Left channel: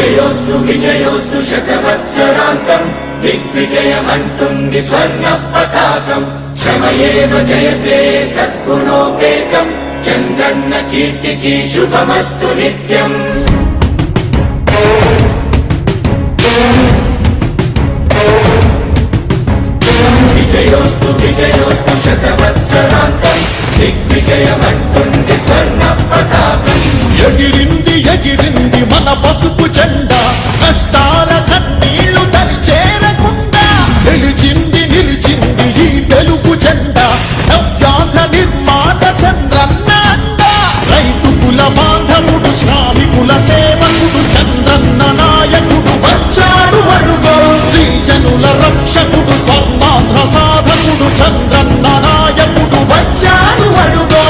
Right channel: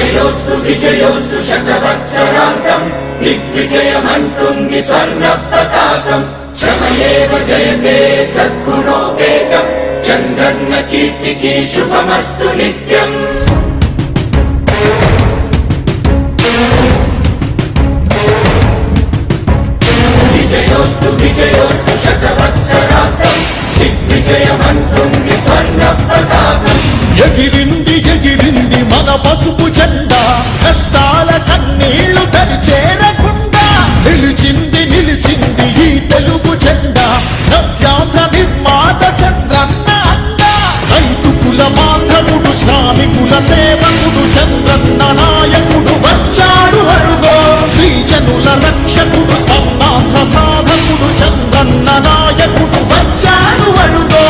విజయోస్తు విజయోస్తు శతవత్సరాంతం దిగ్విజయమంటుంది స్వర్ణ పతాకం క్షమయేవ జయతే సద్గుణోపేతం చంద్రన్న కీర్తికి శుభమస్తు నిత్యం. విజయోస్తు విజయోస్తు శతవత్సరాంతం దిగ్విజయమంటుంది స్వర్ణ పతాకం. ఎగిరింది ఎగిరింది మన పసుపు జెండా కష్టాల కన్నీళ్లు చేరకుండా నిలిచింది నిలిచింది ఈ తెలుగు జెండా నవ్యాంధ్ర నిర్మాత చంద్రన్న అండ రైతు కుల బాంధవుడు శ్రామికుల సేవకుడు చంద్రన్న నాయకుడు వచ్చాడు అడుగో శ్రీజనుల రక్షకుడు స్వర్ణాంధ్ర సాధకుడు చంద్రన్న నాయకుడు వచ్చాడు అడుగో.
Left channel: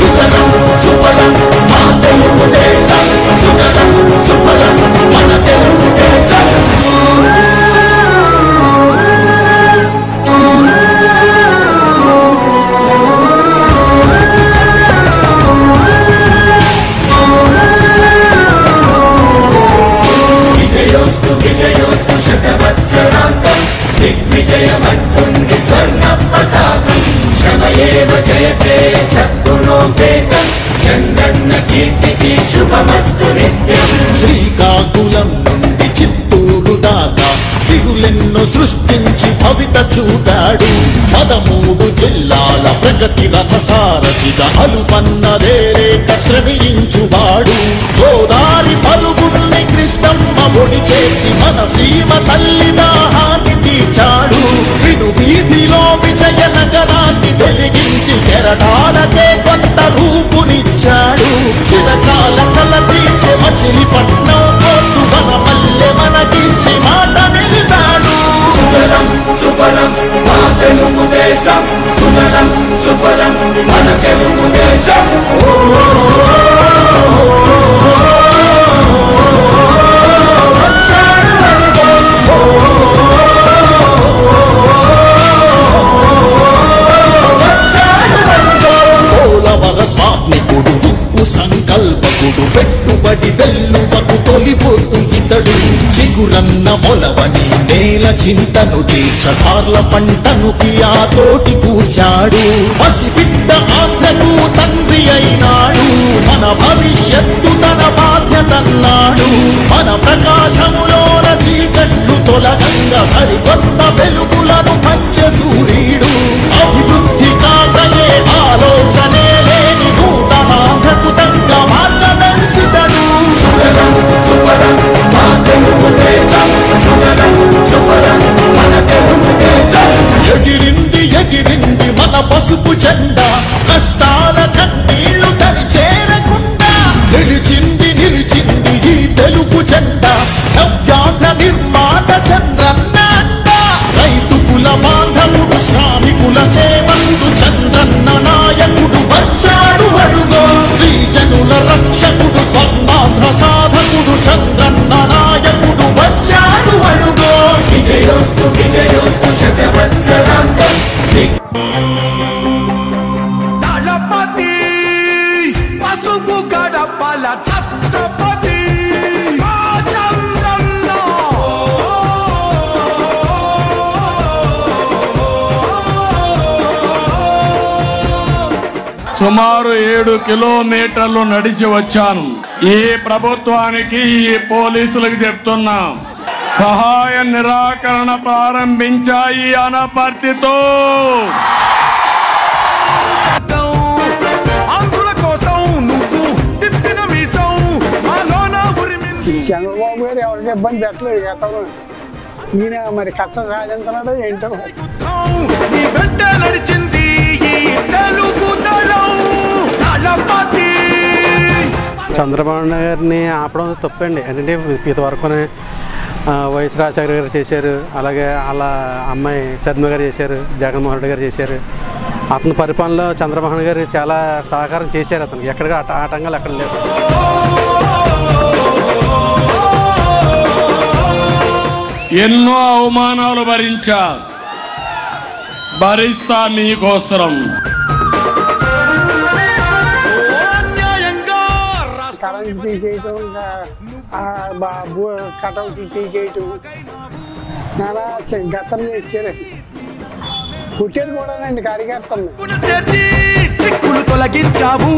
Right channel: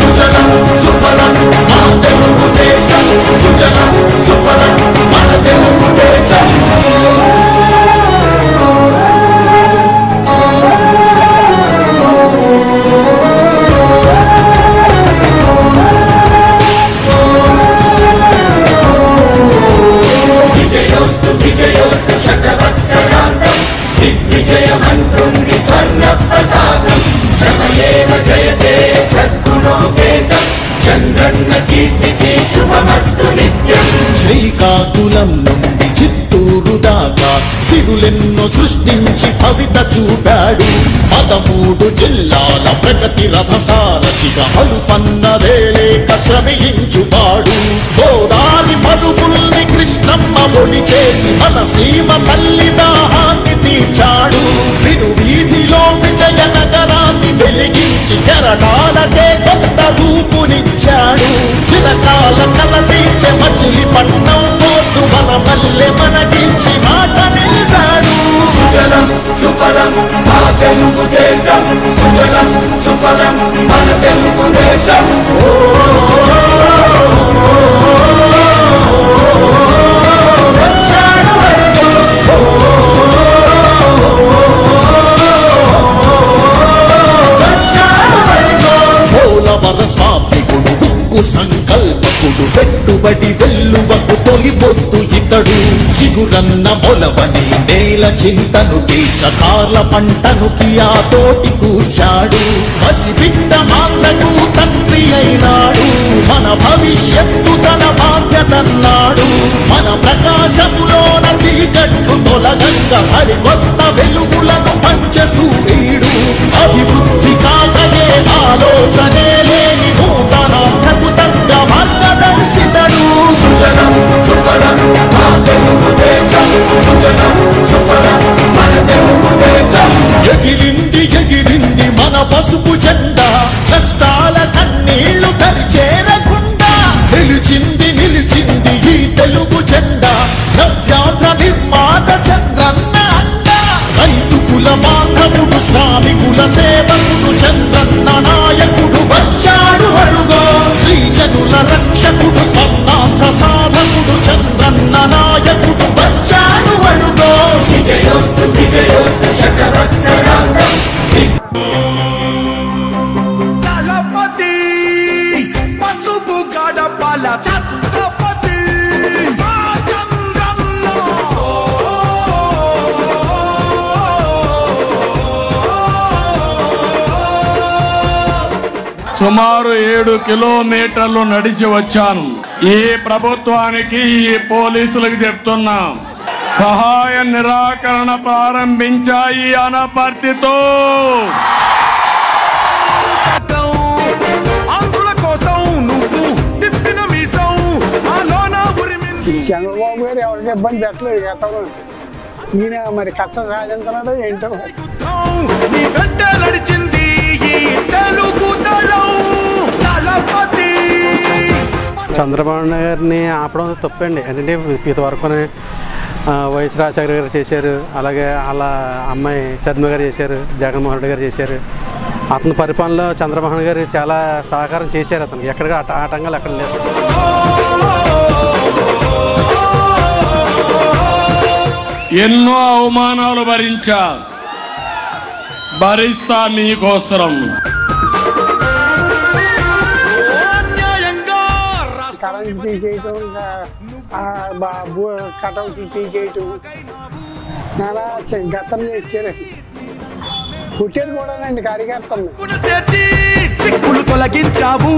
సుజలం సుఫలం మన తెలుగు దేశం సుజలం సుఫలం మన తెలుగు దేశం. విజయోస్తు విజయోస్తు శతవత్సరాంతం దిగ్విజయమంటుంది స్వర్ణ పతాకం క్షమయేవ జయతే సద్గుణోపేతం చంద్రన్న కీర్తికి శుభమస్తు నిత్యం. శ్రీకాకుళం నుండి చిత్తూరు దాకా సిగులెన్నో సృష్టించి భవిత చూపాడు 13 జిల్లాల ప్రగతి రథసారథిగా అలుపన్నదే లేక శ్రమించువాడు గోదారి పరుగుల్ని కృష్ణమ్మ పొడి చేసి మన సీమ తల్లి దాహాన్ని తీర్చాడు వీధిలో విజయ నగరాన్ని వెలిగించి కెరటాలకే కొత్త రూపునిచ్చాడు చిరకాల కల తీర్చే మచిలీపట్నం పోర్టు మన మల్లె మనకించి మాట నిలిపాడు. సుజలం సుఫలం మన తెలుగు దేశం సుజలం సుఫలం మన తెలుగు దేశం. స్వామికుడు ఉక్కు సంకల్పకుడు పెట్టుబడి వెల్లువకు తొలిపోతూ ఇతడు చిగురన్న మొలవని నేల చింతను తీర్చకాల పంటను కియాతోటి కూర్చాడు పసిబిడ్డ ఆత్మకు తండ్రి అయినాడు మన భవిష్యత్తు తన బాధ్యతన్నాడు మన ప్రకాశములోన చీకట్లు తొలగంగా సరికొత్త వెలుగులను పంచ సూర్యుడు అభివృద్ధి కాదనే ఆలోచనే లేని నూతనాంధ్రకు తగ్గ మార్గదర్శితుడు. సుజలం సుఫలం మన తెలుగు దేశం సుజలం సుఫలం మన తెలుగు దేశం. ఎగిరింది ఎగిరింది మన పసుపు జెండా కష్టాల కన్నీళ్లు చేరకుండా నిలిచింది నిలిచింది ఈ తెలుగు జెండా నవ్యాంధ్ర నిర్మాత చంద్రన్న అండ రైతు కుల బాంధవుడు శ్రామికుల సేవకుడు చంద్రన్న నాయకుడు వచ్చాడు అడుగో శ్రీజనుల రక్షకుడు స్వర్ణాంధ్ర సాధకుడు చంద్రన్న నాయకుడు వచ్చాడు అడుగో. విజయోస్తు విజయోస్తు శతవత్సరాంతం దళపతి పసుపు గడపల ఛత్రపతి సుమారు 7 కిలోమీటర్లు నడిచి వచ్చాను. ఈ ప్రభుత్వానికి ఈ పోలీసులకు చెప్తున్నాం, సహాయ నిరాకరణ ప్రారంభించాయి అనపర్తితో. చంద్రబాబు గారు ఎవరికి ఇబ్బంది పెట్టలేదు గతంలో, ఈయన మరి కష్టం సాధించడం ఏంటో. నడిచింది చంద్రబాబు గారిని ఆపడం తప్పండి. ఎందుకంటే ఇంతవరకు వైఎస్ రాజశేఖర గారు చేశారు, అలాగే వాళ్ళ అమ్మాయి శర్మ గారు చేశారు, జగన్మోహన్ రెడ్డి గారు చేశారు. అతని పరిపాలనలో చంద్రబాబు గారు చాలా సహకారం చేశారు. అతనికి ఎక్కడికి ఆటంకాలు ఎక్కడ లేవు. ఎన్నో అవమానాలు భరించా, భరిస్తా మీకోసరం. కరెంట్ తీసేయటం, కటౌట్లు తీసేయటం, నానా గతం చేశారు. పుట్టేది కూడానండి కార్యకర్తలు. చిక్కులు తొలగించావు.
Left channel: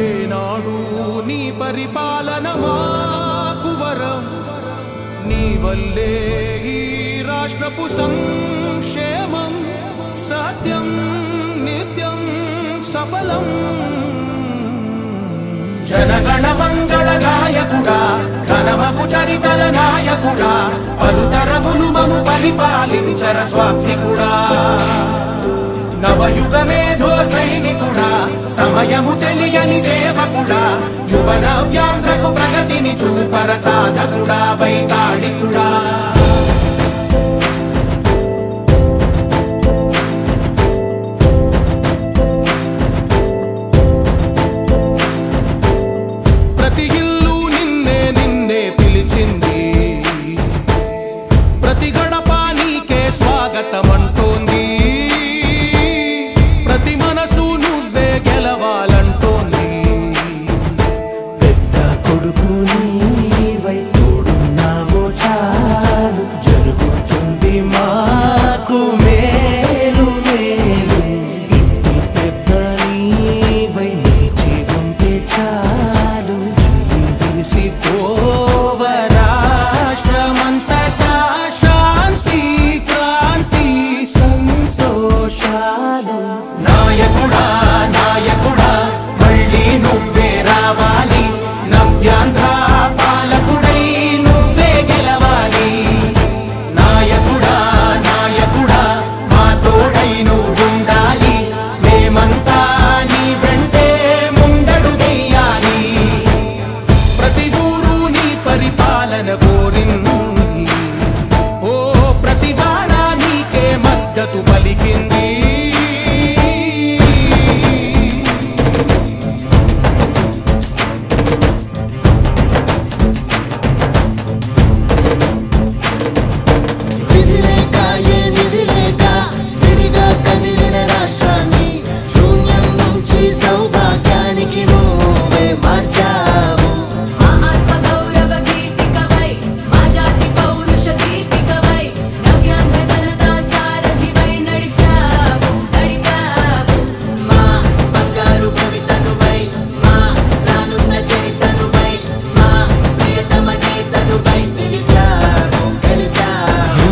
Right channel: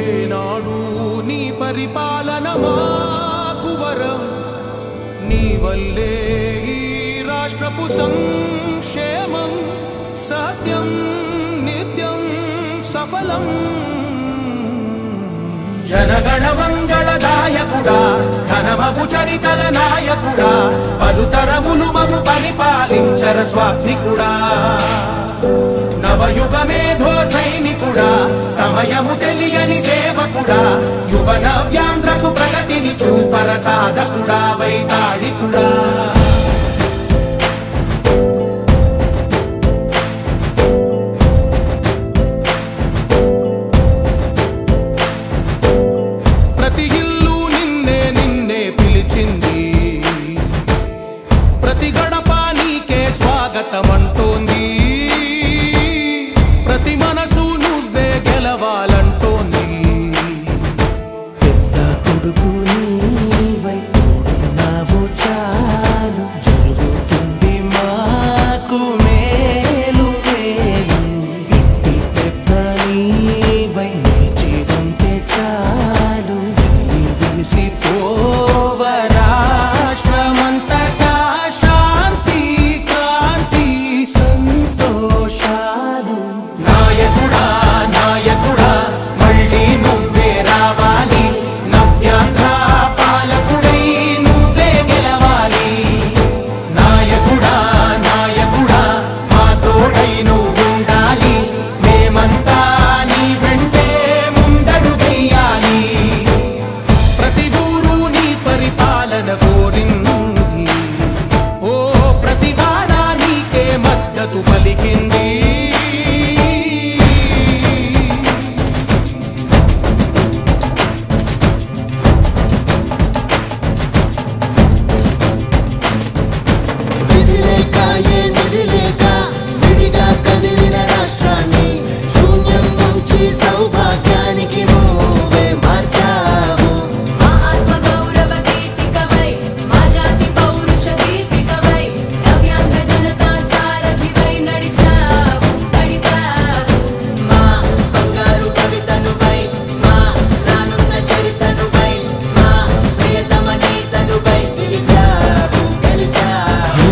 ఏనాడు నీ పరిపాలన మాకు వరం, నీ వల్లే ఈ రాష్ట్రపు సంక్షేమం సత్యం నిత్యం సఫలం. జనగణ మంగళ నాయకుడా, ఘనమగు చరితల నాయకుడా, పలుతరములు మము పరిపాలించర స్వామికుడా. నవయుగ మేధో సైనికుడా, సమయము తెలియని సేవకుడా, యువ నవ్యాంధ్రకు ప్రగతిని చూపర సాధకుడా, వైతాళికుడా. ప్రతి ఇల్లు నిన్నే నిన్నే పిలిచింది, ప్రతి గడప నీకే స్వాగతమంటోంది, ప్రతి మనసు నువ్వే గెలవాలంటోంది. పెద్ద కొడుకు నీవై తోడున్నావు చాలు, జరుగుతుంది మాకు మేలు మేలు. ఇంటి పెద్ద నీవై నిలిచి ఉంటే చాలు, విరిసి పోవ రాష్ట్రమంతటా శాంతి క్రాంతి సంతోషాలు. నాయకుడా నాయకుడా మళ్ళీ నువ్వే రావాలి, నవ్యాంధ్ర పాలకుడై నువ్వే గెలవాలి. నాయకుడా నాయకుడా మా తోడై నువ్వుండాలి, మేమంతా నీ వెంటే ముందడుగెయ్యాలి. ప్రతి ఊరు నీ పరిపాలన కోరింది, ఓ ప్రతివాడ నీకే మద్దతు పలికింది. విధిలేక ఏ నిధిలేక విడిగా కదిలిన రాష్ట్రాన్ని శూన్యం నుంచి సౌభాగ్యానికి నువ్వే మార్చావు. ఆత్మ గౌరవ గీతికవై, మా జాతి పౌరుష దీపికవై, నవ్యాంధ్ర జనతా సారథివై నడిచావు నడిపావు. మా బంగారు భవితనువై, మా రానున్న చరితనువై, మా ప్రియతమ నేతనువై పిలిచావు గెలిచావు.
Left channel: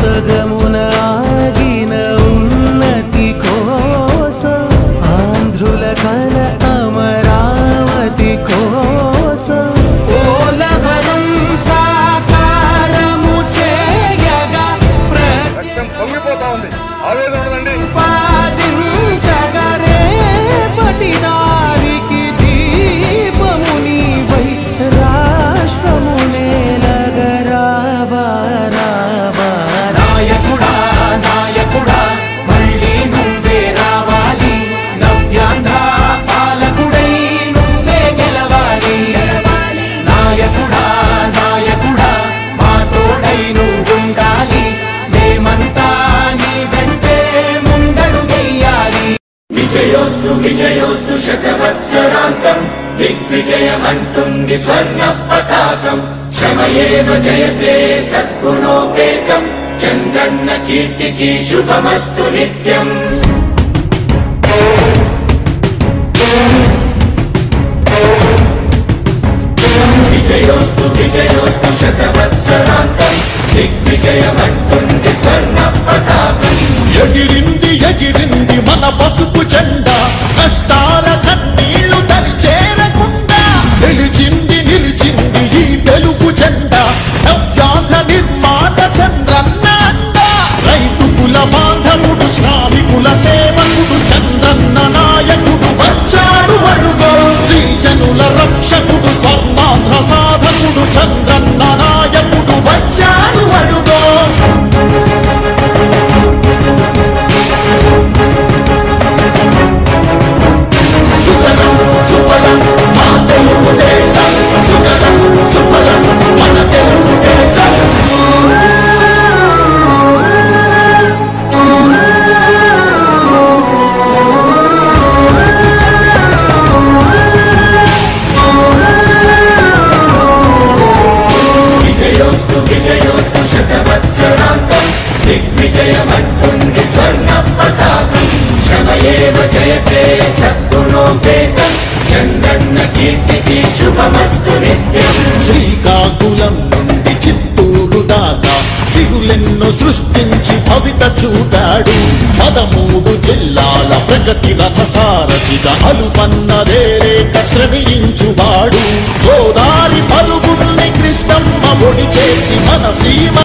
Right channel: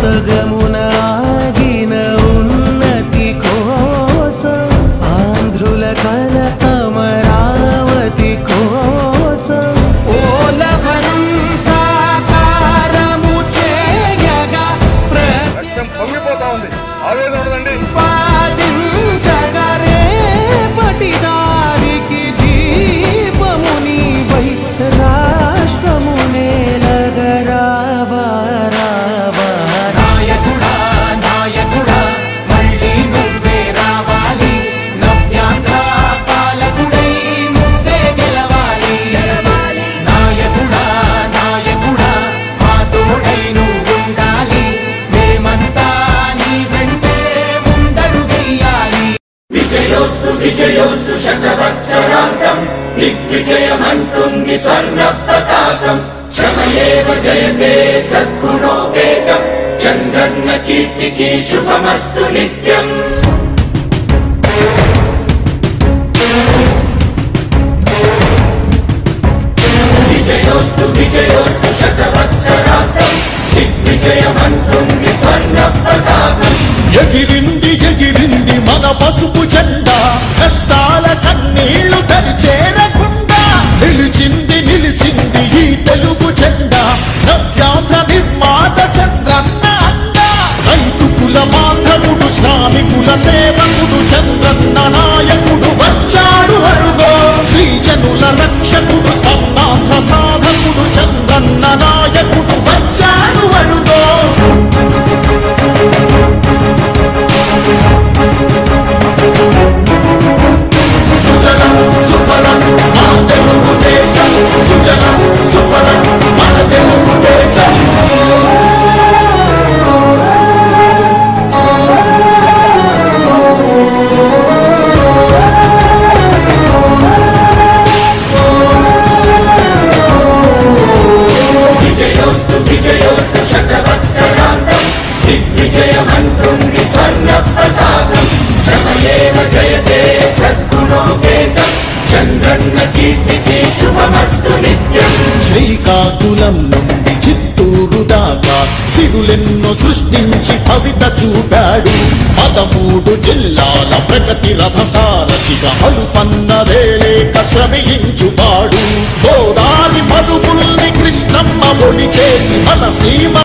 సగమున ఆగిన ఉన్నతి కోసం, ఆంధ్రుల కల అమరావతి కోసం, ఓలవరం సాకారము చేయగా పొంగిపోతా ఉంది, ఆవేదన ఉండదండి. ప్రతిపాదించగరే పటిదారికి దీపము నీవై, రాష్ట్రము నేలగరావా రావా. నాయకుడా నాయకుడా మళ్ళీ నువ్వే రావాలి, నవ్యాంధ్ర పాలకుడై నువ్వే గెలవాలి. నాయకుడా నాయకుడా మా తోడై నువ్వుండాలి, మేమంతా నీ వెంటే ముందడుగెయ్యాలి. విజయోస్తు విజయోస్తు శతవత్సరాంతం, దిగ్విజయమంటుంది స్వర్ణ పతాకం. క్షమయేవ జయతే సద్గుణోపేతం, చంద్రన్న కీర్తికి శుభమస్తు నిత్యం. విజయోస్తు విజయోస్తు శతవత్సరాంతం, దిగ్విజయమంటుంది స్వర్ణ పతాకం. ఎగిరింది ఎగిరింది మన పసుపు జెండా, కష్టాల కన్నీళ్లు తని చేరకుండా నిలిచింది నిలిచింది ఈ తెలుగు జెండా. నవ్యాంధ్ర నిర్మాత చంద్రన్న అండ, రైతు కుల బాంధవుడు శ్రామికుల సేవకుడు చంద్రన్న నాయకుడు వచ్చాడు అరుగో. శ్రీజనుల రక్షకుడు స్వర్ణాంధ్ర సాధకుడు చంద్రన్న ఇక అలుపు